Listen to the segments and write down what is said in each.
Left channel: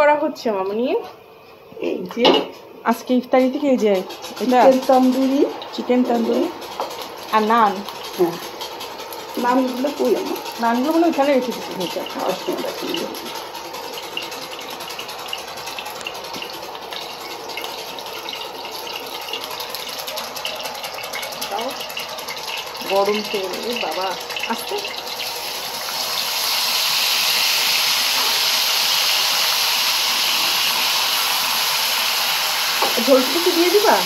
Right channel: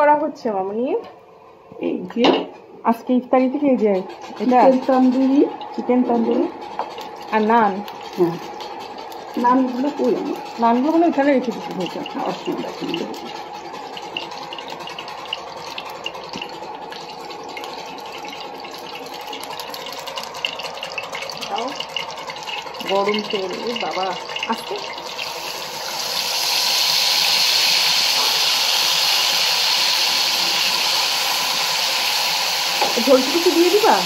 করা হচ্ছে মামনি? এই যে আজকে ইফতারি থেকে এই যে চিকেন তন্দুরি আর নান। হ্যাঁ, নানগুলো কই আমার? নানগুলো মানে ওইখানে রেখে দিচ্ছি। খাওয়ার সময় দেখেন গরম তেল বাবা আস্তে ঝোল কিছু দিয়ে দিবা?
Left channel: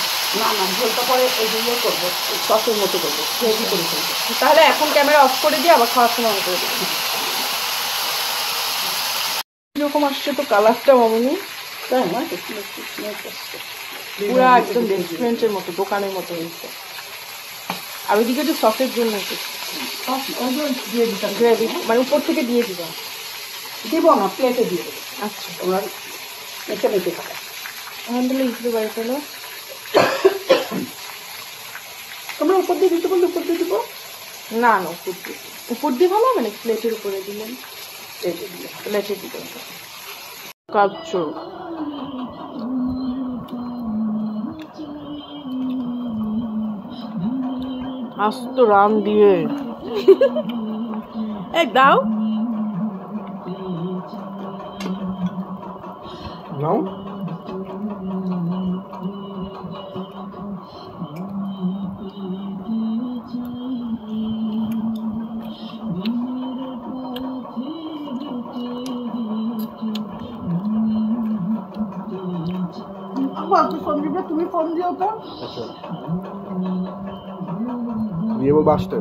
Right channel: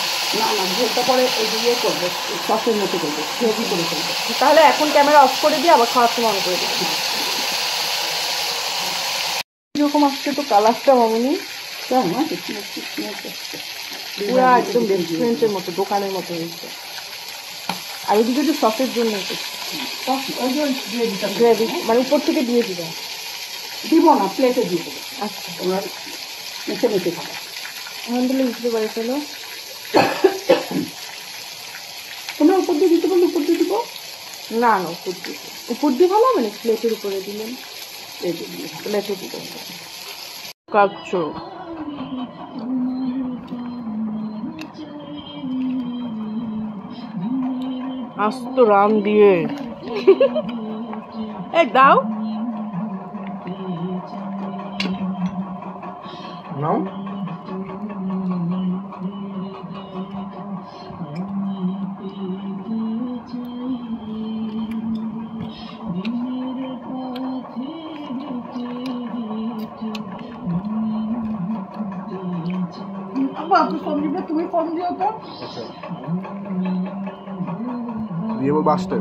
না না, ঝোলটা পরে ওই যে ইয়ে করবো, সসের মতো করবো, গ্রেভি করে করবো। তাহলে এখন ক্যামেরা অফ করে দিয়ে আবার খাওয়ার সময় অন করে দেবো। এরকম আসছে তো কালারটা অমনি পুরা একদম রেস্টুরেন্টের মতো, দোকানের মতো হয়েছে। আর ওইদিকে একটু সসের জন্য দিয়ে দিতাম, গ্রেভি মানে উপর থেকে দিয়ে দিবা? দিব না, প্লেটে দিয়ে দেবো। আচ্ছা, তোমার মেখে মেখে খাবে। এখন তাহলে ইসলে করে ফেলো। তোমরা উপর দিয়ে দিতে বললে উপর দিয়ে দিব? না না, উপর দিয়ে ভালো মানে প্লেটের উপরে দিলেন, প্লেটে দিয়ে প্লেটে দিতে হবে। কাচ্চো আস্ত রান দিয়ে এক দাও নাও। তুমি ফোন দিও তো দিয়ে বাসতে।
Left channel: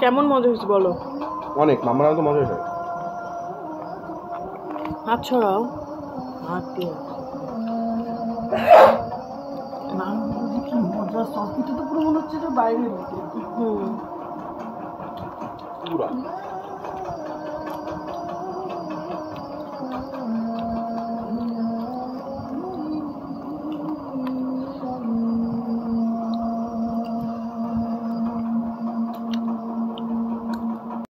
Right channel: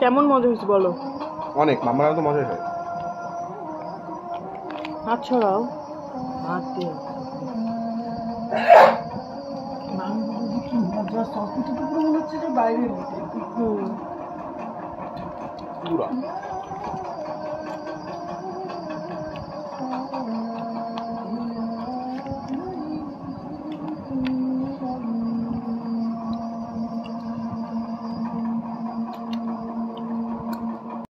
কেমন মজা হয়েছে বলো? অনেক, মামারা তো মজা হয়। আচ্ছা রাও কি মজা, সবকিছু তো পুরো মনে হচ্ছে যে বাইরে পুরা। কেমন মজা হয়েছে? মজা হয়েছে, মজা হয়েছে। আচ্ছা, আমি তো বলছি, মজা, সবকিছু তো পুরো মনে হচ্ছে যে বাইরে পুরা।